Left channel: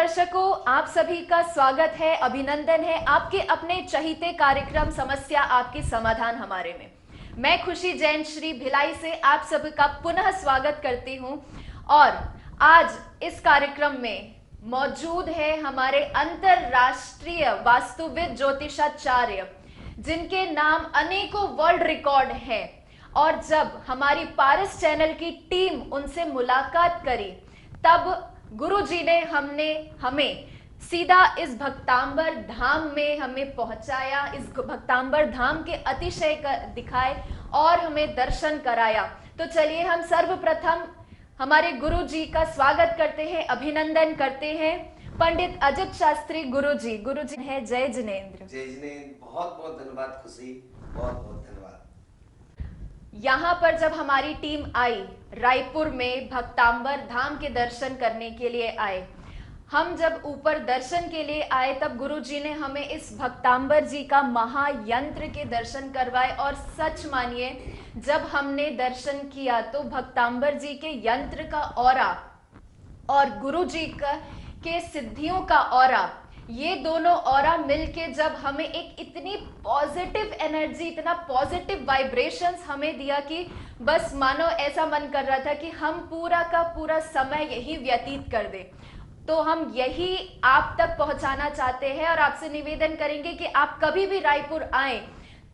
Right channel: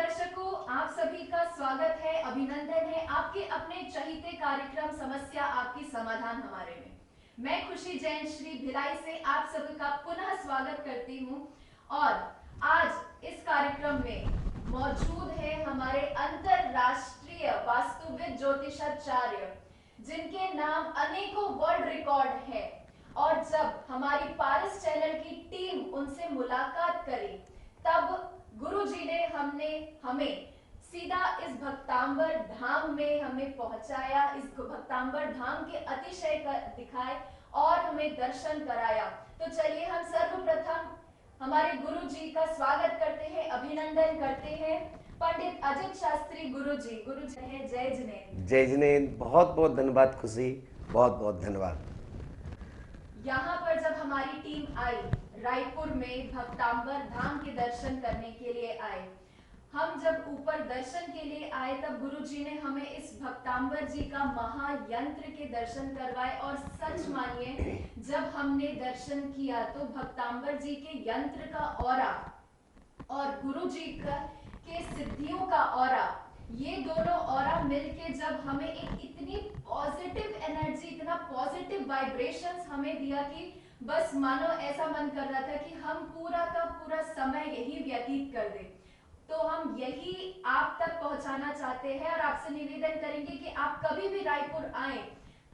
दर्शकों, आप सभी का स्वागत है, अभिनंदन है आपके अपने चहीते कार्यक्रम समस्या आपकी समाधान हमारे में। मैं खुशी जैन श्री भिलाई से आप सभी का पुनः स्वागत करती हूं और आज इस कार्यक्रम में मौजूद है हमारे अंतरराष्ट्रीय वास्तुविद ज्योतिषाचार्य जिनके नाम अनेकों वर्ल्ड रिकॉर्ड है। और जब हमारी पारस चैनल की टीम उनसे मुलाकात करी तब गुरुजी ने हमें सीधा इस भक्तांबर धाम में हमें पहुंचाया, इस भक्तांबर धाम के अतिशय दिखाए और हमें दर्शन कराया। तो चलिए हम सर्वप्रथम हमारे गुरुजी का स्वागत करते हैं, अभिनंदन करते हैं। पंडित अजित शास्त्री गुरुजी है। जय जिनेंद्र। जय जिनेंद्र। बहुत बहुत धन्यवाद खुशी, बहुत बहुत धन्यवाद। यहाँ पर जब हमारी टीम आई रायपुर में भक्तांबर धाम के दर्शन करने के लिए आए, हम जब ऊपर दर्शन के लिए आए तब गुरुजी ने हमें इस भक्तांबर जी का महायंत्र के दर्शन करवाए। और सच मानिए जब हमने दर्शन किया तो भक्तांबर जी के यंत्र का ऑरा और गुरुजी के सिद्धियों का ऑरा, ये दोनों ऑरा मिलके जब हमें एक इतनी पॉजिटिव एनर्जी, इतना पॉजिटिव वाइब्रेशंस हमें दिया कि बस मानो ऐसा मन कर रहा था कि हम पूरा का पूरा समय यही व्यतीत कर दे। तो हम यही आप तक पहुंचाना चाहते हैं और आपसे निवेदन करेंगे कि आप कभी भी रायपुर आए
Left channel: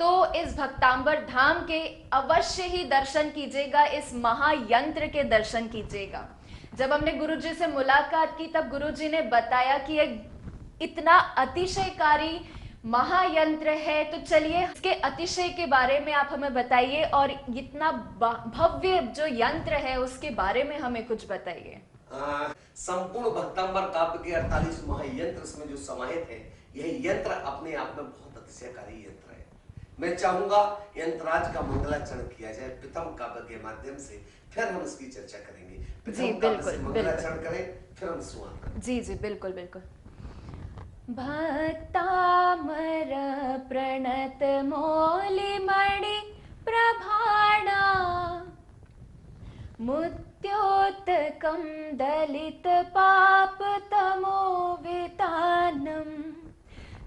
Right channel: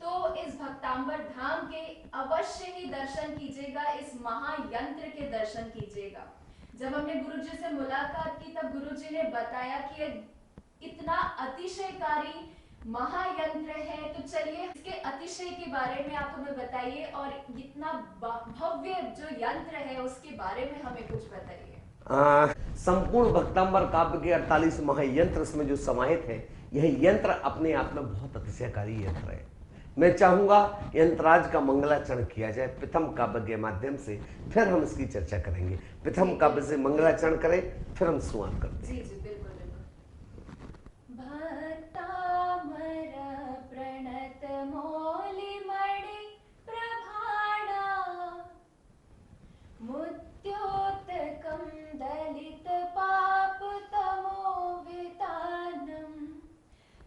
तो इस भक्तांबर धाम के अवश्य ही दर्शन कीजिएगा, इस महायंत्र के दर्शन कीजिएगा। जब हमने गुरुजी से मुलाकात की तब गुरुजी ने बताया कि एक इतना अतिशयकारी महायंत्र है। तो चलिए इसके अतिशय के बारे में आप हमें बताइए और इतना भव्य जो यंत्र है उसके बारे में हमें कुछ बताइए। संपूर्ण भक्तांबर काव्य के 48 महायंत्र में जो समाहित है, यह यंत्र अपने आप में बहुत अतिशयकारी यंत्र है। मैं चाहूंगा यंत्राज का मंगलाचरण किया जाए प्रथम काव्य के माध्यम से, फिर हम इसकी चर्चा करेंगे। प्रथम काव्य से मंगलाचरण करें, फिर हम शुरुआत करें। जी जी बिल्कुल बिल्कुल। भक्तामर प्रणत मौलिमणि प्रभाणा मुद्योतकं दलित पाप तमो वितानम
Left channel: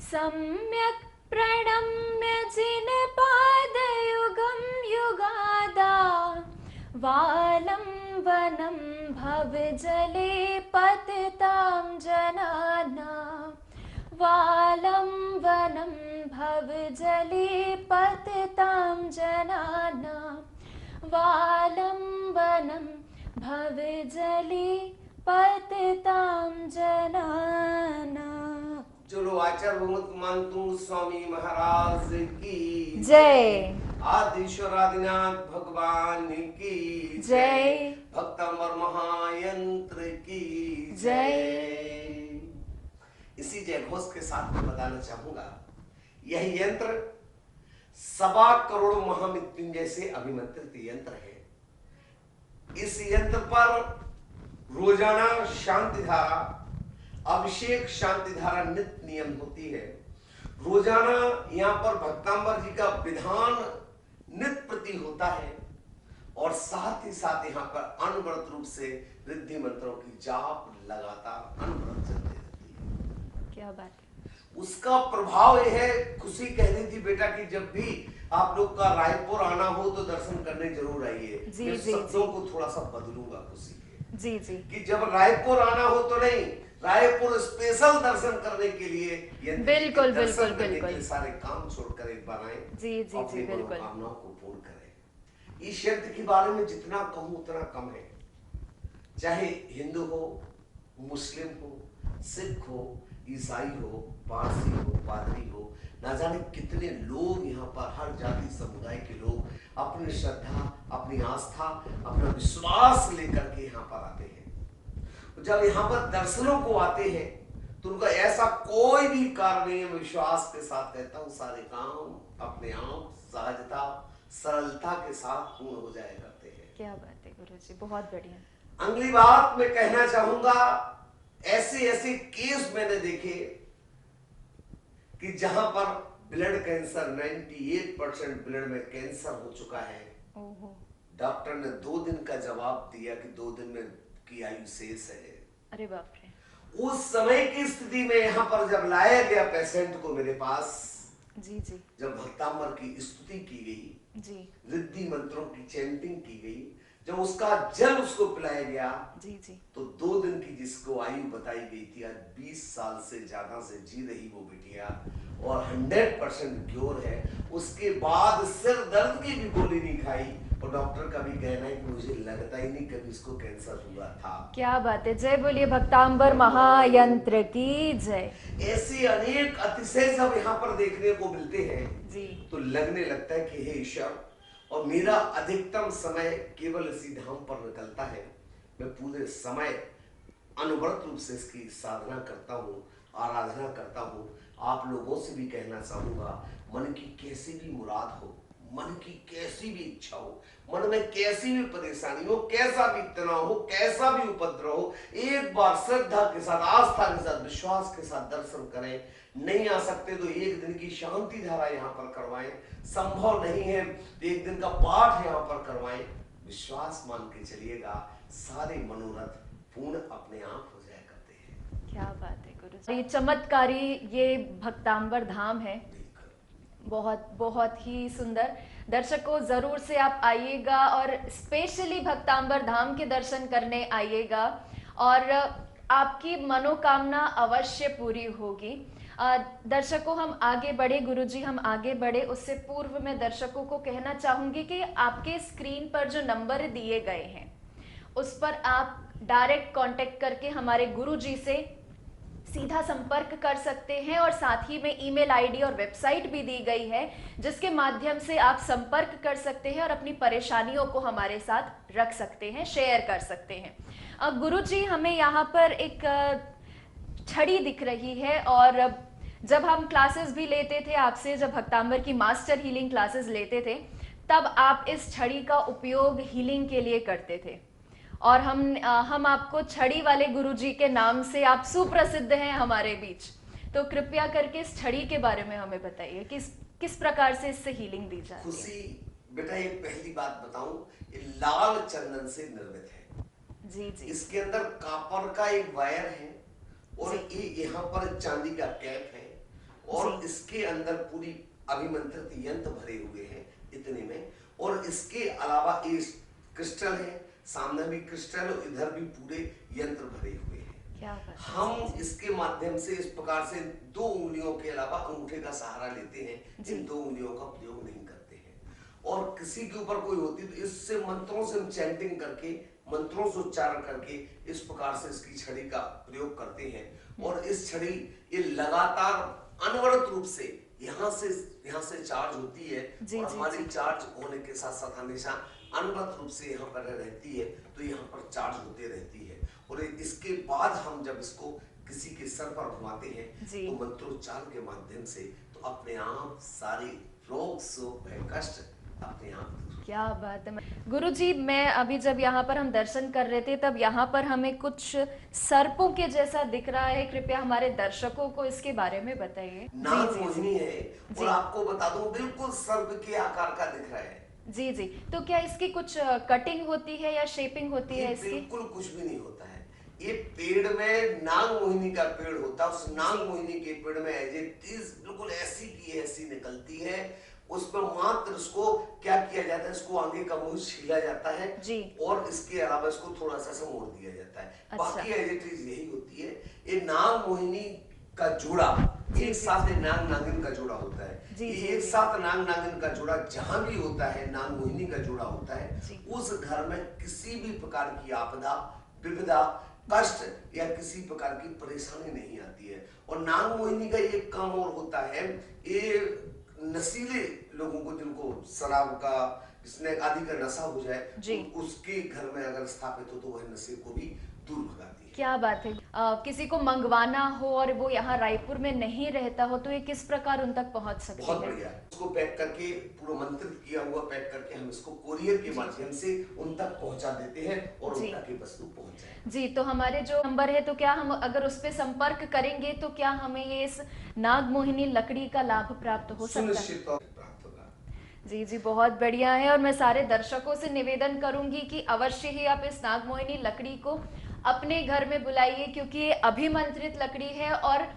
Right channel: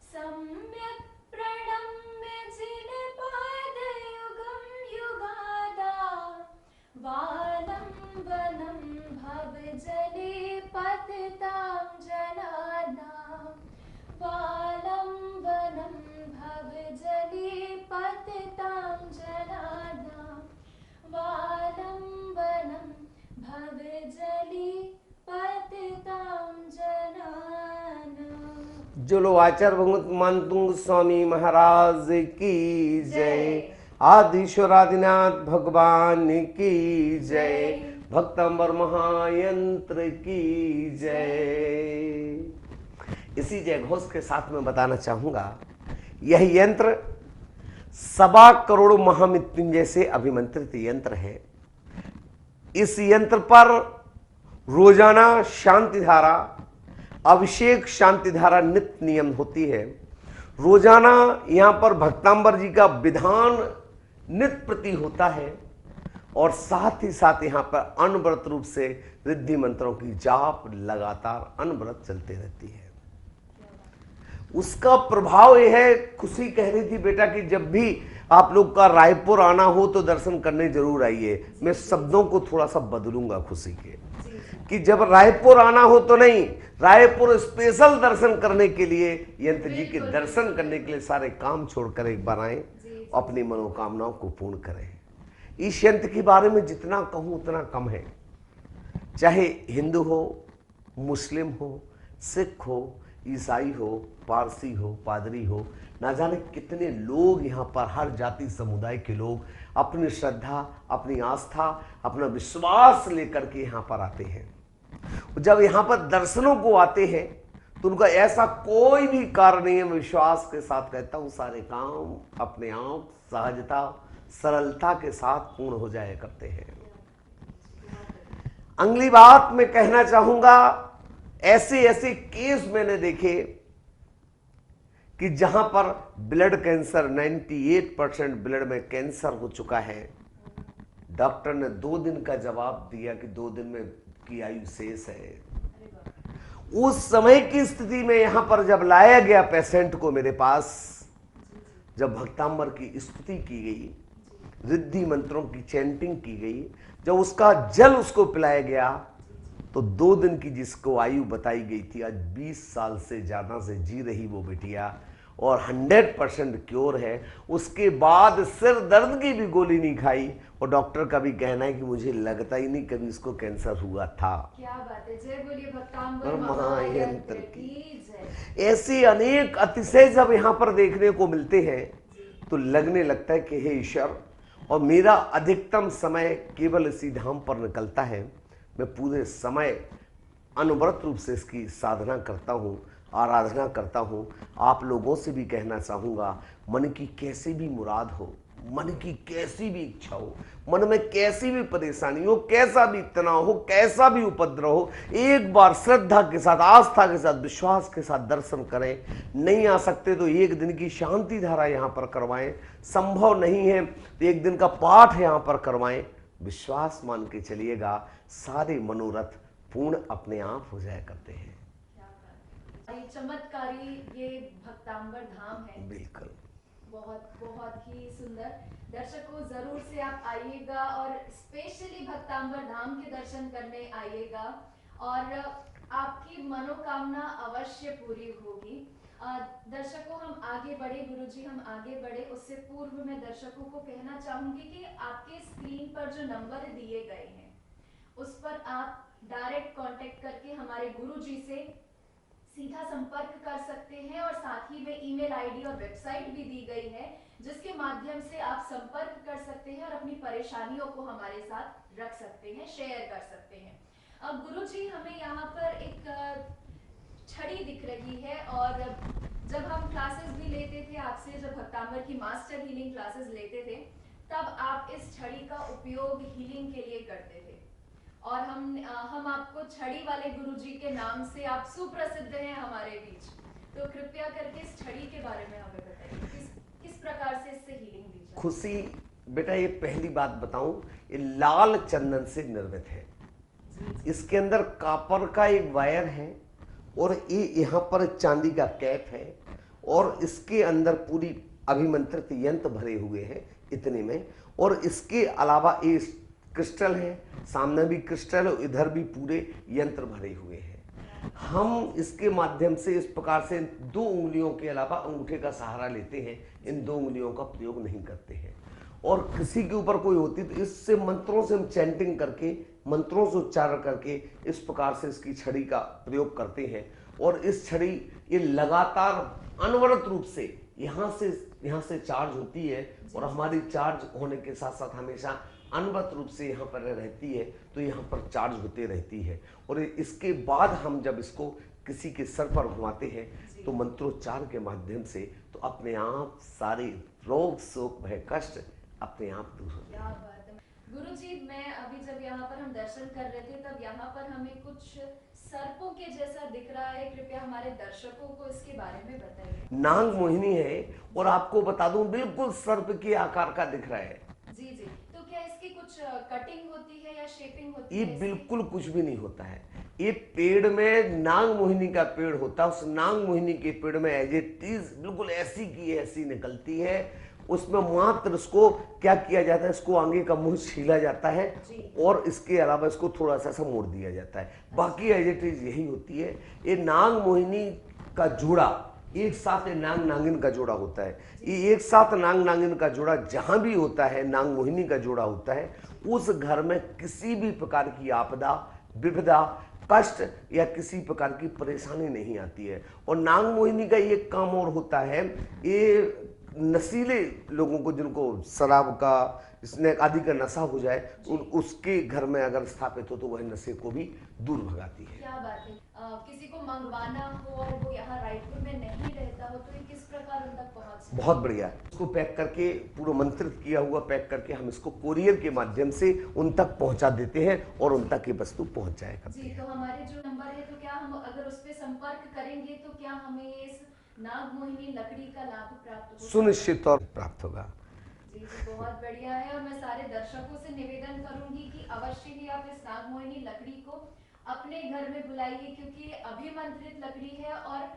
सम्यक प्रणम्य जिन पादयुगं युगादा वालं वनं भव जले पतितां जनाना वालं वनं भव जले पतितां जनाना वालं वनं भव जले पतितां जनाना। जो लो आचार्य भगवत मानतुंग स्वामी महाराज की जय। आदिश्वर आदिनाथ भगवान की जय। भक्तांबर महायंत्र की जय। इसी जय घोष के साथ मैं बताना चाहूंगा, यह यंत्र 1.25 करोड़ महामृत्युंजय से अभिमंत्रित यंत्र है। इस यंत्र पर रोजाना शांति धारा, अभिषेक शांति धारा नित्य नियम होती है। रोजाना यहाँ पर भक्तांबर जी का विधान नित्य प्रति होता है और साथ ही साथ यहाँ पर अनवरत रूप से रिद्धि मंत्रों की जाप लगातार अनवरत चलते रहती है। क्या बात। उसका प्रभाव यह है, खुशी कह रही थी बेटा कि जब भी आप लोग का रायपुर आना हो तो दर्शन करने जरूर आइए। मैं शब्दों को थोड़ा सा बदलूंगा खुशी के जी जी कि जब रायपुर आना हो तो नहीं, रायपुर स्पेशल दर्शन करने के लिए, यंत्र जी के दर्शन करने के लिए सारे काम छोड़कर एक बार आए, अपनी मनोकामनाओं को पूर्ण करें। इस यंत्र के बारे में जितना कहूं उतना कम है। चाहे हिंदू हो, मुस्लिम हो, सिख हो, ईसाई हो, पारसी हो, पादरी हो, ना जाने कितने लोग यहाँ पर, हर जाति समुदाय के लोग अपनी श्रद्धा, अपनी आस्था, अपना विश्वास लेकर के यहाँ पर आते हैं। जब यहाँ पर दर्शनों को आते हैं तो उनका ऐसा कोई भी कारण नहीं है, मैं विश्वास के साथ कहता हूँ, सारे काम अपने आप सहजता सरलता के साथ पूर्ण हो जाया करते हैं। क्या बात है गुरुजी, बहुत बढ़िया। अगली बात मैं कहना चाहूंगा, ऐसे ऐसे केस मैंने देखे कि जहां पर ब्लड कैंसर 98% ब्लड में कैंसर हो चुका है। डॉक्टर ने 2 दिन का जवाब दिया कि 2 दिन में की आयु शेष है। अरे बाप रे। उस समय की स्थिति में यहां पर जब लाया गया पेशेंट को मेरे पास, जी जी, जब भक्तांबर की स्तुति की गई, जी रिद्धि मंत्रों की चैंटिंग की गई, जब उसका जल उसको पिलाया गया, जी, जी तो 2 दिन की जिसको आयु बताई गई थी, आज 20 साल से ज्यादा से जी रही वो बिटिया, और 100% क्योर है। उसके बाद सिर दर्द की भी गोली नहीं खाई, और डॉक्टर का भी कहना है कि मुझे लगता ही नहीं कभी इसको कैंसर हुआ था। क्या बात है, जय बोलिए भक्तांबर महायंत्र की जय। ऐसे अनेक अतिशय जब यहाँ पर देखने को मिलते हैं जी तो लगने लगता है कि हे ईश्वर, और मेरा अधिकतम समय केवल इसी धाम पर निकलता है। मैं पूरे समय अनवरत रूप से इसकी साधना करता हूँ, आराधना करता हूँ। आप लोगों से भी कहना चाहूँगा, मन की कैसी भी मुराद हो, मन की कैसी भी इच्छा हो, मन में कैसी भी परेशानी हो, कैसा भी तनाव हो, कैसा भी उपद्रव हो, एक बार श्रद्धा के साथ, आस्था के साथ, विश्वास के साथ दर्शन करें। नहीं आ सकते तो एक दिन की शांति धारा यहाँ पर करवाएं। संभव नहीं है तो एक दिन का पाठ यहाँ पर करवाएं। विश्वास मान के चलिएगा, सारे मनोरथ पूर्ण अपने आप हो जाया करते हैं। क्या बात है गुरु जी, चमत्कारी ये भक्तांबर धाम है। बिल्कुल, बहुत बहुत ही सुंदर। दर्शकों जरूर से आप आइएगा और स्पेशली भक्तांबर धाम के दर्शन करने आइएगा और आपकी मनोकामना अवश्य पूरी होगी। दर्शकों हम आगे बढ़े, गुरुजी हम आगे बढ़े उससे पूर्व में दर्शकों को कहना चाहूंगी कि आपके स्क्रीन पर जो नंबर दिए गए हैं उस पर आप डायरेक्ट कांटेक्ट करके हमारे गुरुजी से सीधा संपर्क कर सकते हैं और साथ ही में ईमेल आईडी और वेबसाइट भी दी गई है जिसके माध्यम से आप संपर्क कर सकते हैं और अपनी परेशानियों को हमारे साथ रख सकते हैं, शेयर कर सकते हैं। गुरुजी हमें यहाँ पर एक छड़ी दिख रही है और जब हम क्लासेस भी लेते थे आपसे, जब भक्तांबर की मास्टर हीलिंग क्लासेस लेते थे तब आप इस छड़ी का उपयोग हीलिंग के लिए करते थे और हम आपको छड़ी वाले गुरुजी के नाम से आप सुप्रसिद्ध हैं हमारे बीच। तो कृपया करके इस छड़ी के बारे में हमें बताइए किस प्रकार से इससे हीलिंग दी जाती है। खुशी बेटा, ये पहली बात बताऊं, ये लाल चंदन से निर्मित है। जी जी, इसके अंदर कॉपर का एक वायर है और ये यहाँ पर चांदी का कैप है और इसके अंदर पूरी अभिमंत्रित यंत्र भरे हुए हैं इतने में। और इसके अलावा ये क्रिस्टल है, सामने भी क्रिस्टल और इधर भी पूरे यंत्र भरे हुए हैं। हम इसके माध्यम से इस प्रकार से 2 उंगलियों के अलावा अंगूठे का सहारा लेते हैं, इन 2 उंगलियों का प्रयोग नहीं करते हैं। और किसी के ऊपर कोई होती तो इससे मंत्रों से हम चैंटिंग करके, मंत्रों से उच्चारण करके इस प्रकार से इसकी छड़ी का प्रयोग करते हैं। और इस छड़ी ये लगातार अनवरत रूप से यहाँ से चार्ज होती है और हमारी चार्ज होने के साथ साथ हमेशा अनवरत रूप से यहाँ पर रहती है, तो यहाँ पर चार्ज होते रहती है। और इसके बाद हम जब इसको किसी के सर पर घुमाते हैं तो मंत्रोच्चार के माध्यम से तो अपने आप सारे रोग शोक भय कष्ट अपने आप दूर। क्या बात है गुरुजी, मैं अभी जब यहाँ पर हम दर्शन कर रहे थे तब यहाँ पर हमें कुछ सर्पों के जैसा दिख रहा है, कृपया हमारे दर्शकों को इसके बारे में बताइए। नाग मोहिनी है और आपको बता दूं बिल्कुल सर्प के आकार का दिख रहा है। जी जी, तो क्या इसकी कुछ कटिंग होती है या शेपिंग होती है इसकी? बिल्कुल कुछ भी नहीं होता है। ये पेड़ में नाग मोहिनी का पेड़ होता है, उस नाग मोहिनी के पेड़ में एज ए टीज बिल्कुल ऐसी की ऐसी निकलती है। उसमें मात्र इसको क्या किया जाता है, इसको आगे का मुंह छीला जाता है और इसके अलावा इसको थोड़ा सा मोड़ दिया जाता है। अच्छा। बाकी एज ए टीज यही होती है। ये नाग मोहिनी का जोड़ा एक साथ नाग नागिन का जोड़ा होता है। ये एक साथ नाग नागिन का जोड़ा जहां भी होता है, नाग मोहिनी का जोड़ा होता है, उस घर में किसी भी प्रकार की आपदा, विपदा, कष्ट या किसी प्रकार की परेशानी नहीं आती है। और नाग मोहिनी का ये काम और होता है, ये नशीले लोगों को जिनको शराब का, स्नैक आदि का नशा हो जाए तो उसके घर में अगर स्थापित हो तो वह नशे को भी दूर भगाती है। क्या बात है। किसी को मंगवाना हो और वो यहाँ रायपुर में नहीं रहता हो तो ये किस प्रकार उन तक पहुँच सकता है? बहुत बढ़िया, इसको पैक करके पूरा मंत्रित किया हुआ पैक करके हम इसको कोरियर के माध्यम से उन तक पहुंचा देते हैं और उन तक ये वस्तु पहुंच जाएगा। जी, तो हमारे जो नंबर है तो क्या हम अगर उस पर संपर्क करेंगे तो क्या हमें ये इस नाग मोहिनी लकड़ी का लाभ प्राप्त हो सकता है? सुनिश्चित तौर प्राप्त होगा। जी जी, बहुत बढ़िया है। और मैं सारे दर्शकों से निवेदन करूंगी कि अवश्य ही आप इस नाग मोहिनी लकड़ी को अपने घर में बुलाइए, क्योंकि ये अभिमंत्रित लकड़ी है और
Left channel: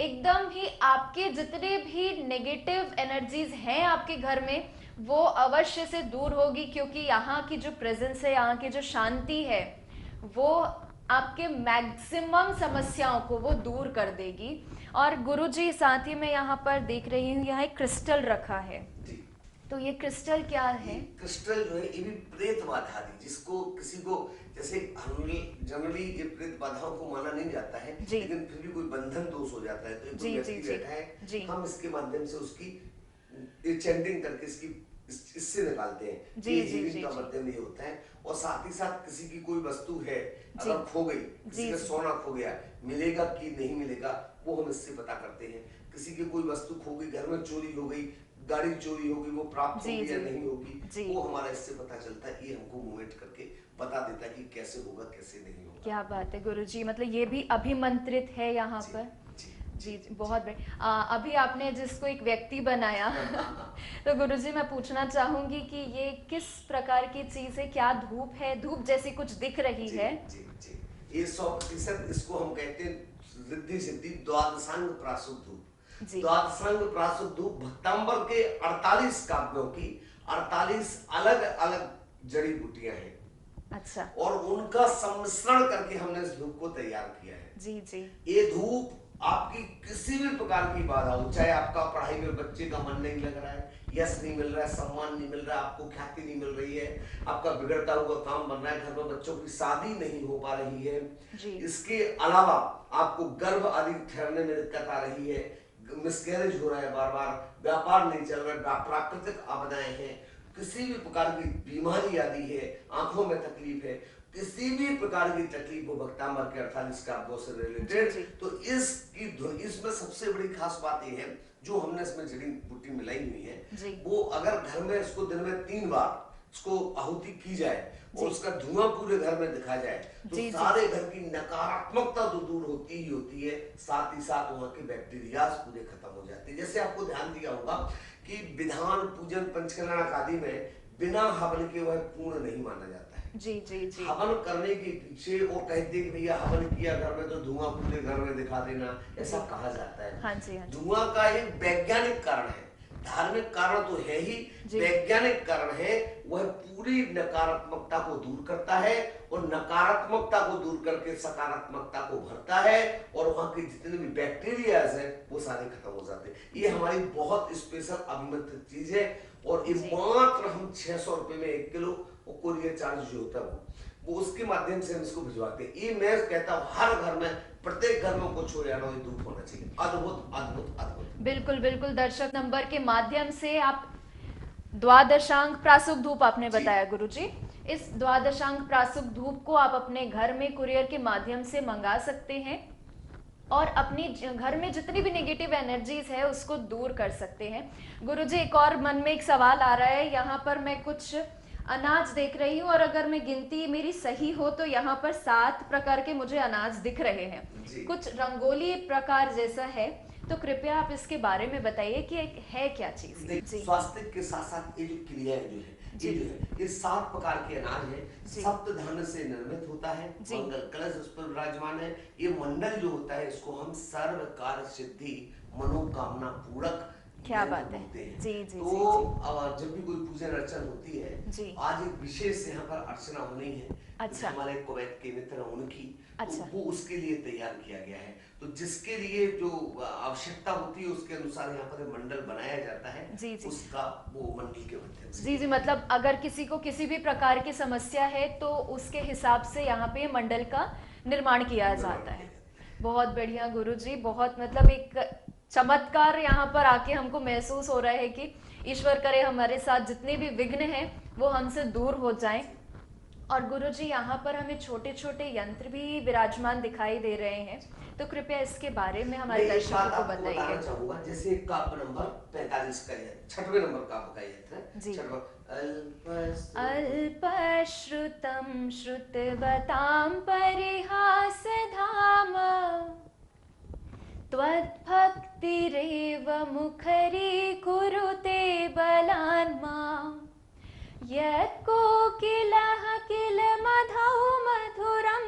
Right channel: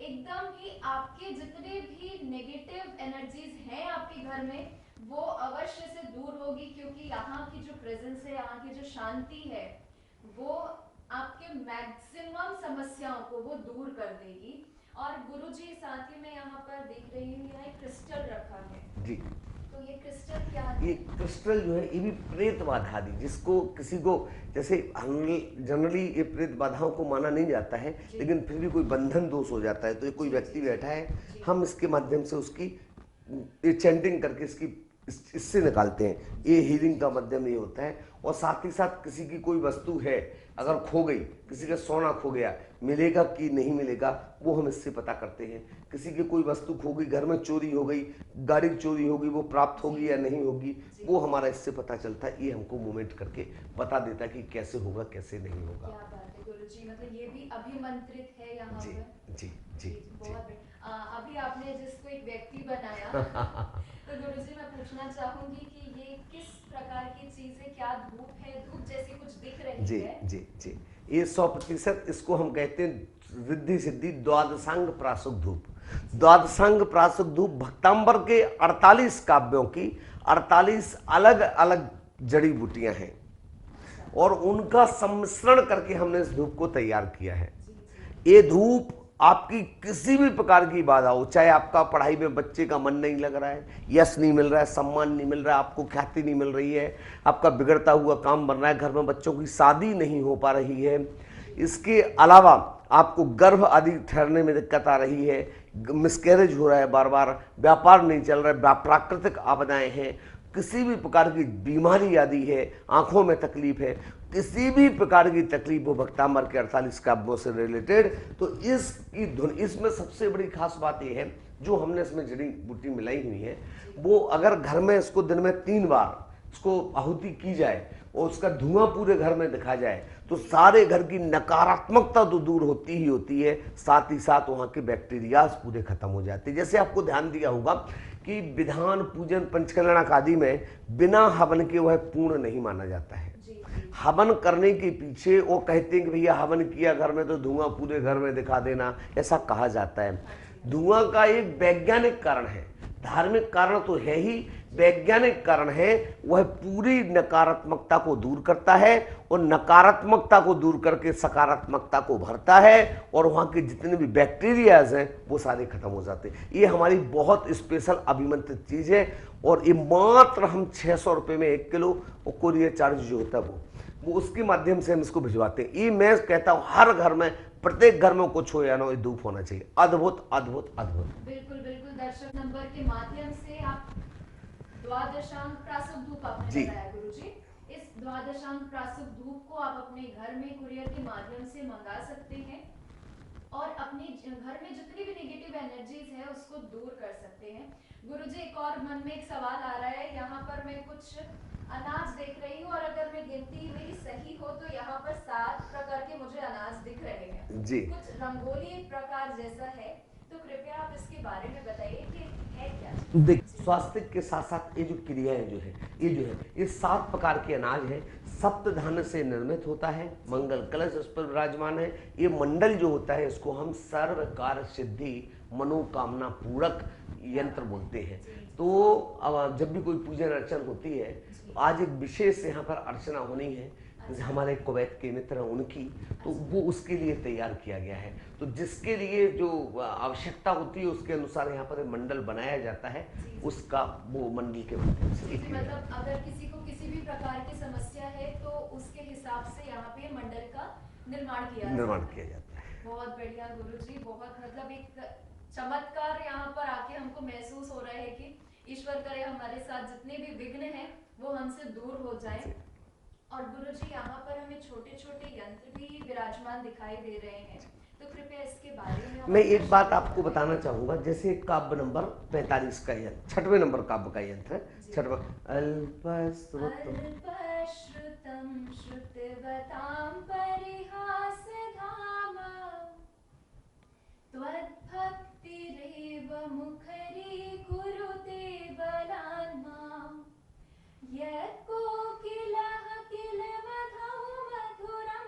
एकदम ही आपके जितने भी नेगेटिव एनर्जीज हैं आपके घर में वो अवश्य से दूर होगी, क्योंकि यहाँ की जो प्रेजेंस है, यहाँ की जो शांति है, वो आपके मैक्सिमम समस्याओं को वो दूर कर देगी। और गुरुजी साथ ही में यहाँ पर देख रही हूँ, यहाँ एक क्रिस्टल रखा है जी। तो ये क्रिस्टल क्या है? ये क्रिस्टल जो है ये भी प्रेत बाधा दी, जिसको किसी को जैसे जनरली ये प्रेत बाधाओं को माना नहीं जाता है, लेकिन फिर भी कोई बंधन दोष हो जाता है तो कोई व्यक्ति बैठा है, हम इसके माध्यम से उसकी चैंटिंग करके इससे निकालते हैं। ये हीलिंग का माध्यम ये होता है। और साथ ही साथ किसी की कोई वस्तु है अगर खो गई, किसी का सोना खो गया, मिलेगा कि नहीं मिलेगा वो हम इससे पता करते हैं। किसी की कोई वस्तु खो गई, घर में चोरी हो गई, गाड़ी चोरी होगी, वो प्राप्त होगी या नहीं होगी, वो हमारा इससे पता चलता है। ये हमको मूवमेंट करके बता देता है कि कैसे होगा कैसे नहीं होगा। क्या बात है गुरुजी, मतलब ये भी अभिमंत्रित है यहाँ पर। जी जी, बहुत बढ़िया। अभी आपने जिसको एक व्यक्ति बनाया तो गुरुजी मैं पूछना चाहूंगी कि ये किस प्रकार की चीज है, क्या धूप है? धूप जैसी कुछ दिख रही है। जी जी, ये 100% इसको हम कहते हैं रिद्धि सिद्धि द्वादशांग प्राशुक धूप। द्वादशांग प्राशुक धूप भक्तांबर के 48 काव्यों की 48 अलग अलग जड़ी बूटियां हैं। अच्छा। और उनका सम्मिश्रण करके हमने इस धूप को तैयार किया है। जी जी। ये धूप आपकी किसी भी प्रकार की बाधा हो, चाहे आपका पढ़ाई में बच्चे का मन नहीं लग रहा है, यश नहीं मिल रहा है, सम्मान नहीं मिल रहा है, आपको ख्याति नहीं मिल रही है, आपका बिगड़ता हुआ काम बन रहा है, घर में बच्चों की शादी नहीं हो पा रही है, इसके अलावा आपको गर्भ आदि ठहरने में दिक्कत आ रही है, मिसकैरेज हो रहा है, बार बार व्यापार नहीं चल रहा है, प्राकृतिक आपदाएं हैं, किसी भी प्रकार की बीमारी आदि है, आंखों में तकलीफ है, किसी भी प्रकार की तकलीफ हो भक्तांबर के 48 काव्यों से रिलेटेड, तो इसकी धुन, इसमें सबसे बड़ी खास बात यह है जो हमने इसमें जड़ी बूटी मिलाई हुई है, वो अगर घर में इसको दिन में 3 बार इसको आहुति की जाए और उसका धुआं पूरे घर में दिखा जाए तो सारे घर की नकारात्मकता तो दूर होती ही होती है, साथ ही साथ वहां के बैक्टीरियाज पूरे खत्म हो जाते हैं। जैसे आपको ध्यान दिया होगा कि विधान पूजन पंचकल्याणक आदि में बिना हवन के वह पूर्ण नहीं माना जाता है। जी जी जी। हवन करने के पीछे वो कहते हैं कि भैया हवन किया घर में तो धुआं पूरे घर में दिखा देना, ऐसा कहा जाता है। हाँ जी, हाँ। धुआं का एक वैज्ञानिक कारण है, धार्मिक कारण तो है ही, वैज्ञानिक कारण है, वह पूरी नकारात्मकता को दूर करता है और नकारात्मकता को दूर करके सकारात्मकता को भरता है और वहां के जितने भी बैक्टीरियाज हैं वो सारे खत्म हो जाते हैं। ये हमारी बहुत स्पेशल अभिमंत्रित चीज है और ये मात्र हम 600 रुपए में 1 किलो और कोरियर चार्ज जो होता है वो उसके माध्यम से हम इसको भिजवाते हैं। ये मैं कहता हूँ हर घर में, प्रत्येक घर में कुछ हो या ना हो, धूप होना चाहिए। अद्भुत अद्भुत अद्भुत। बिल्कुल बिल्कुल। दर्शक नंबर के माध्यम से आप द्वादशांग प्राशुक धूप आपने बताया गुरुजी, इस द्वादशांग प्राशुक धूप को आप अपने घर में कुरियर के माध्यम से मंगा सकते हैं और अपनी घर में जितनी भी नेगेटिव एनर्जीज है उसको दूर कर सकते हैं। गुरुजी एक और मन में एक सवाल आ रहा है, यहाँ पर मैं कुछ अनाज देख रही हूँ और अगर मैं गिनती मेरी सही हो तो यहाँ पर 7 प्रकार के मुझे अनाज दिख रहे हैं जी। कुछ रंगोली प्रकार जैसा है, तो कृपया आप इसके बारे में बताइए कि है क्या चीज। स्वास्थ्य के साथ साथ ये जो क्रियाएं जो है ये 7 प्रकार के अनाज है, सप्त धान्य से निर्मित होता है, मंगल कलश उस पर विराजमान है। ये मंडल जो होता है इसको हम सर्व कार्य सिद्धि मनोकामना पूरक यंत्र बोलते हैं। तो जब भी कोई पूजन अर्चन होती है, आज एक विशेष यहाँ पर अर्चना होनी है। अच्छा। हमारे कुवैत के मित्र हैं उनकी, अच्छा। तो वो उसके लिए तैयार किया गया है, तो जिसके लिए जो आवश्यकता होती है उसके अनुसार यहाँ पर मंडल बनाया जाता है। जी जी। उसका वो मंडल के माध्यम से जी जी, मतलब अगर किसी को किसी भी प्रकार की समस्या है तो उसके हिसाब से यहाँ पे मंडल का निर्माण किया जाता है। बहुत बढ़िया गुरुजी, बहुत मतलब एक चमत्कार यहाँ पर आके हमको महसूस हो रहा है कि ईश्वर करे हमारे साथ जितने भी विघ्न हैं वो हमसे दूर हो जाएं। और गुरुजी यहाँ पर हमें छोटे छोटे यंत्र भी विराजमान दिखाई दे रहे हैं, तो कृपया इसके बारे में हमारे मैं एक बात आपको बताना चाहूंगा। जैसे काव्य नंबर 45 का यंत्र, 6वें नंबर काव्य का यंत्र, 6वां अल्पश्रुतं श्रुतवतां परिहास धाम त्वद्भक्तिरेव मुखरी कुरुते बलान्मा यत्कोकिलः किल मधौ मधुरं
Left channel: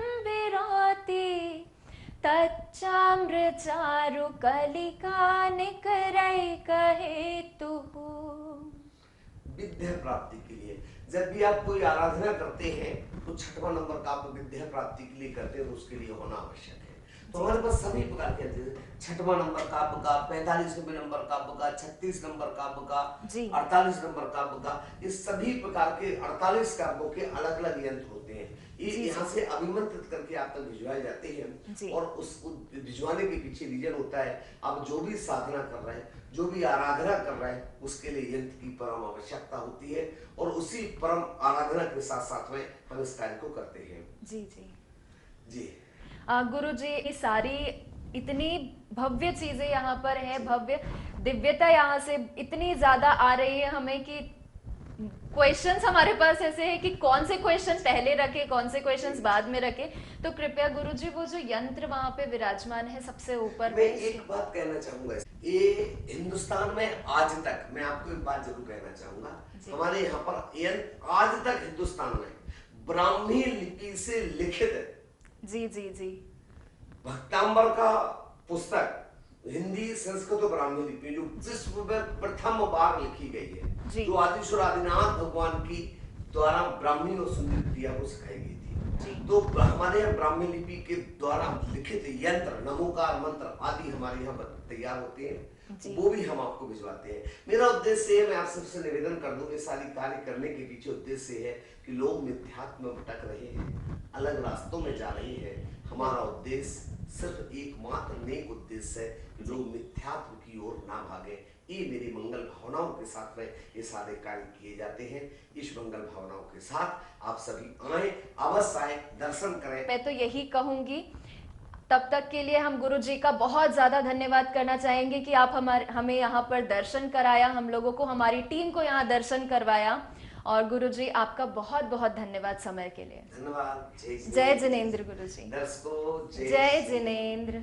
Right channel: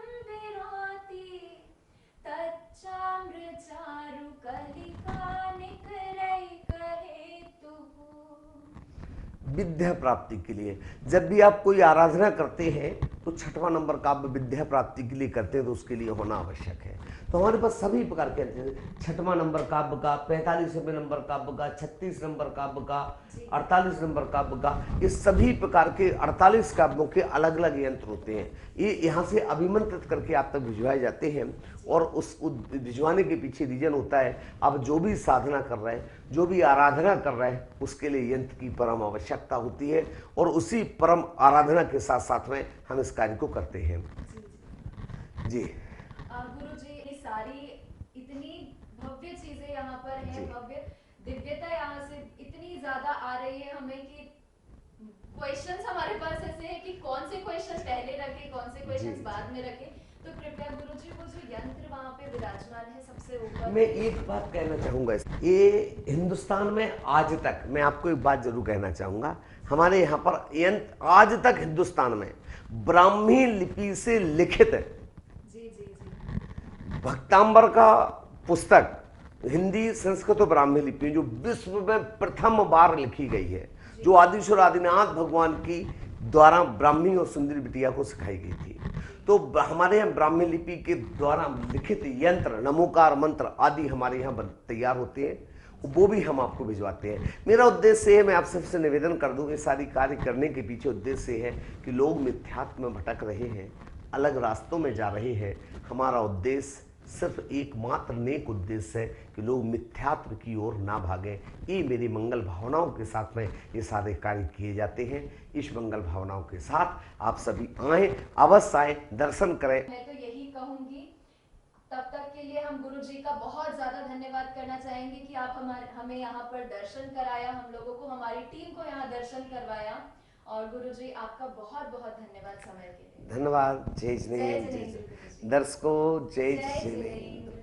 कच्चाम्र चारु कलिका निकरै कहे तू। विद्या प्राप्ति के लिए जब भी आप कोई आराधना करते हैं तो छठवां नंबर का आप विद्या प्राप्ति के लिए करते हैं तो उसके लिए होना आवश्यक है। तो हमारे पास सभी प्रकार के छठवां नंबर काव्य का, 45वें नंबर काव्य का, 36 नंबर काव्य का, 48 नंबर काव्य का, ये सभी प्रकार के 48 काव्यों के अलग अलग यंत्र होते हैं। ये यहाँ से अभिमंत्रित करके आप तक भिजवाए जाते हैं और उस भिजवाने के पीछे रीजन होता है अब जो भी साधना कर रहा है, जो भी आराधना कर रहा है, उसके लिए यंत्र की परम आवश्यकता होती है और उसी परम आराधना के साथ साथ में हम इस कार्य को करते हैं। जी जी जी गुरु जी, ये सारी इतनी भव्य चीजें यहाँ पर है, भव्य दिव्यता यहाँ से इतनी ज्यादा आ रही है हमें कि क्वेश्चंस हमारे पास ऐसे है कि कौन से क्वेश्चन पहले रखे, कौन से क्वेश्चंस बाद में रखे। तो कृपया गुरुजी वो जो यंत्र वहाँ पे विराजमान है सबसे ऊपर, मैं एक बात कहना चाहूंगा, ये हिंदुस्तान में आज तक, मैं आपको एक बात जरूर कहना चाहूंगा, हमारे यहाँ पर यंत्र आज तक हिंदुस्तान में ब्राह्मी लिपि से लिखित है। जी जी जी भक्तांबर का पुस्तक हिंदी, संस्कृत और ब्राह्मी लिपि जो विश्व में प्रथम बार लिखी गई है, जो आदिश्वर आदिनाथ भगवान की द्वारा ब्राह्मी और सुंदरी बिटिया को सिखाई गई थी। तो हमारे यहाँ ब्राह्मी लिपि के द्वारा लिखित यंत्र, नमोकार मंत्र आदि हमारे यहाँ तैयार होते हैं, वो भी हम आपको भिजवाते हैं। मेरा उद्देश्य है, मैं आप सबसे निवेदन कर दूं, ये सारी कार्य करने के पीछे उद्देश्य है कि लोग मिथ्यात्व में भटक रहे हैं, अलग रास्तों में जा रहे हैं। हमारा उद्देश्य सिर्फ एकमात्र नेक उद्देश्य है कि लोग मिथ्यात्व की ओर ना भागें। ये मेरी मंगल भावनाओं के साथ में ये सारे कार्य किए जाते हैं। इस मंगल भावनाओं के साथ आप सभी आएं, अवश्य आएं, दर्शन करें। मैं तो यही कहूंगी, तब तक के लिए हम गुरु जी का बहुत ज़्यादा धन्यवाद करना चाहेंगे कि आप हमें यहाँ पर दर्शन कराया, हम लोगों को, हमारी टीम को यहाँ दर्शन करवाया। और गुरु जी आपका बहुत बहुत धन्यवाद समय के लिए। धन्यवाद। जय जिनेंद्र गुरु जी। दर्शकों जय जिनेंद्र।